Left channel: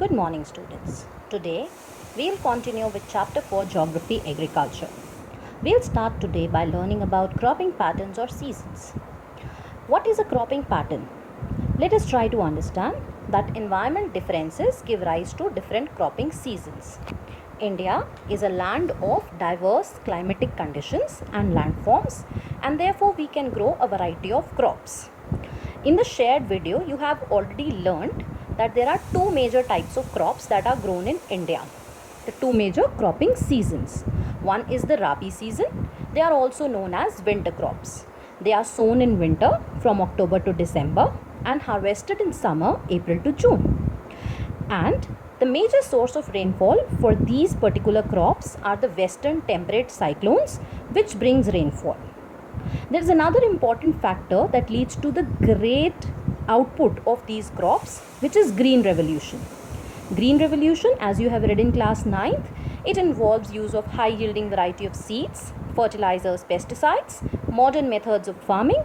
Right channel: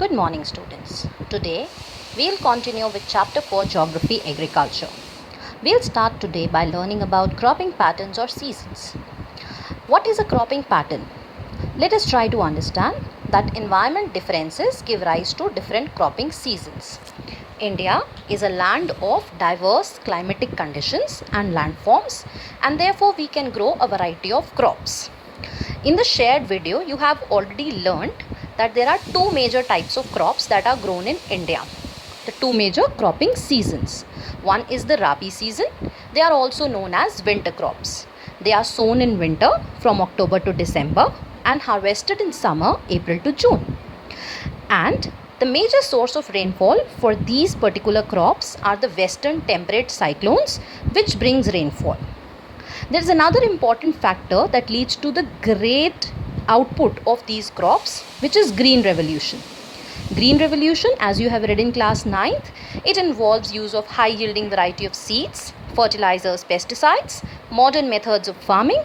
Good morning, students. Today we'll continue with chapter 4 Geography Agriculture. We'll start today by learning about cropping patterns or seasons. What is a cropping pattern? Let us try to understand that environment differences give rise to different cropping seasons. India is a land of diverse climatic conditions and landforms, and therefore we can grow a variety of crops. In the shared video, you have already learned that there are two major types of crops that are grown in India. The two major cropping seasons. One is the Rabi season. They are also known as winter crops. They are sown in winter from October to December and harvested in summer, April to June. And the major source of rainfall for these particular crops are the western temperate cyclones, which brings rainfall. There is another important factor that leads to the great output of these crops, which is green revolution. Green revolution, as you have read in class 9th, it involves use of high yielding variety of seeds, fertilizers, pesticides, modern methods of farming.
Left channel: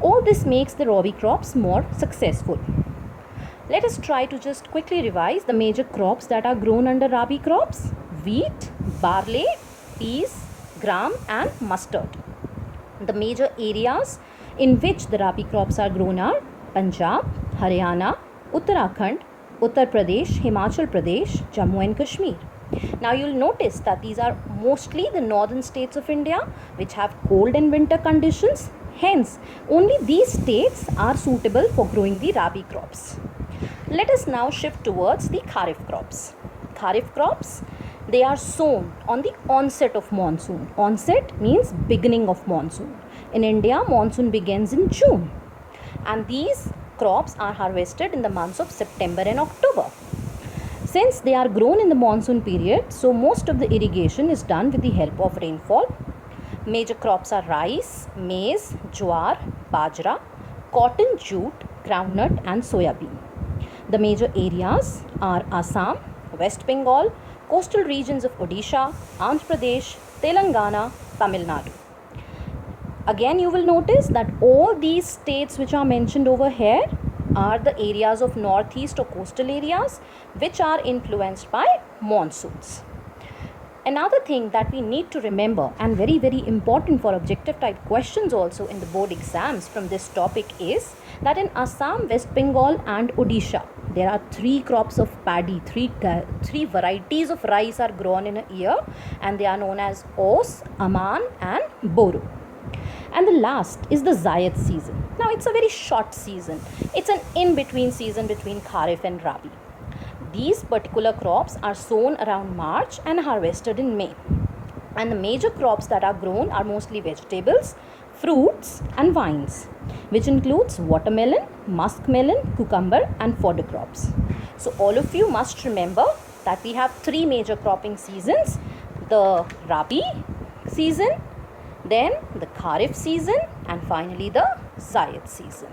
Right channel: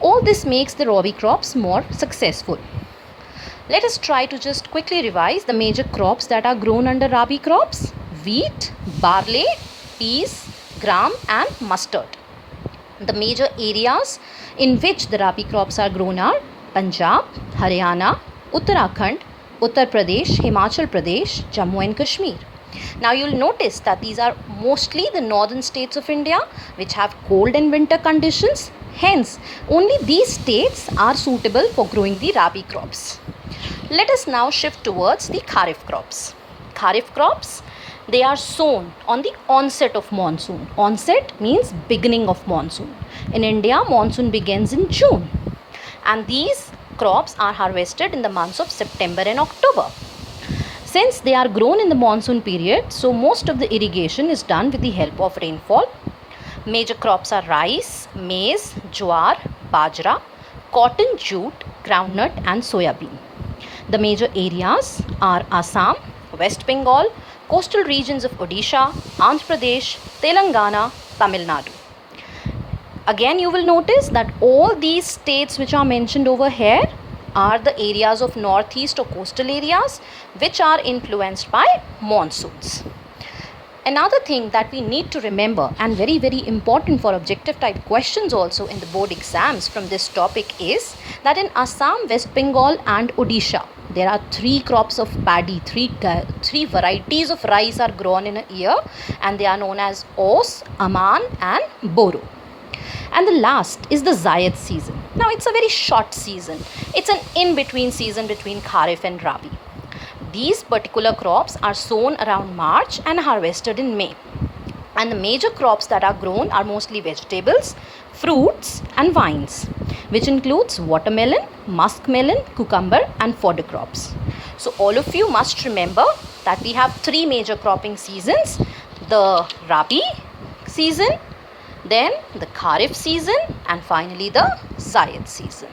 All this makes the Rabi crops more successful. Let us try to just quickly revise the major crops that are grown under Rabi crops: wheat, barley, peas, gram and mustard. The major areas in which the Rabi crops are grown are Punjab, Haryana, Uttarakhand, Uttar Pradesh, Himachal Pradesh, Jammu and Kashmir. Now you will notice that these are mostly the northern states of India which have cold and winter conditions. Hence, only these states are suitable for growing the Rabi crops. Let us now shift towards the Kharif crops. Kharif crops, they are sown on the onset of monsoon. Onset means beginning of monsoon. In India, monsoon begins in June. And these crops are harvested in the months of September and October. Since they are grown in the monsoon period, so most of the irrigation is done with the help of rainfall. Major crops are rice, maize, jowar, bajra, cotton, jute, groundnut and soya bean. The major areas are Assam, West Bengal, coastal regions of Odisha, Andhra Pradesh, Telangana, Tamil Nadu. Again, you will notice that all these states which are mentioned over here are the areas of northeast or coastal areas which are influenced by monsoons. Another thing that we need to remember, and very important for objective type questions also in the board exams from this topic, is that in Assam, West Bengal and Odisha, there are three crops of paddy, three varieties of rice are grown in a year, and they are known as Os, Aman and Boro. And the last is the Zayed season. Now it's a very short season. It's an in-between season between Kharif and Rabi. These particular crops are sown around March and harvested in May. And the major crops that are grown are mostly vegetables, fruits and vines, which includes watermelon, muskmelon, cucumber and fodder crops. So all of you must remember that we have three major cropping seasons: the Rabi season, then the Kharif season and finally the Zayed season.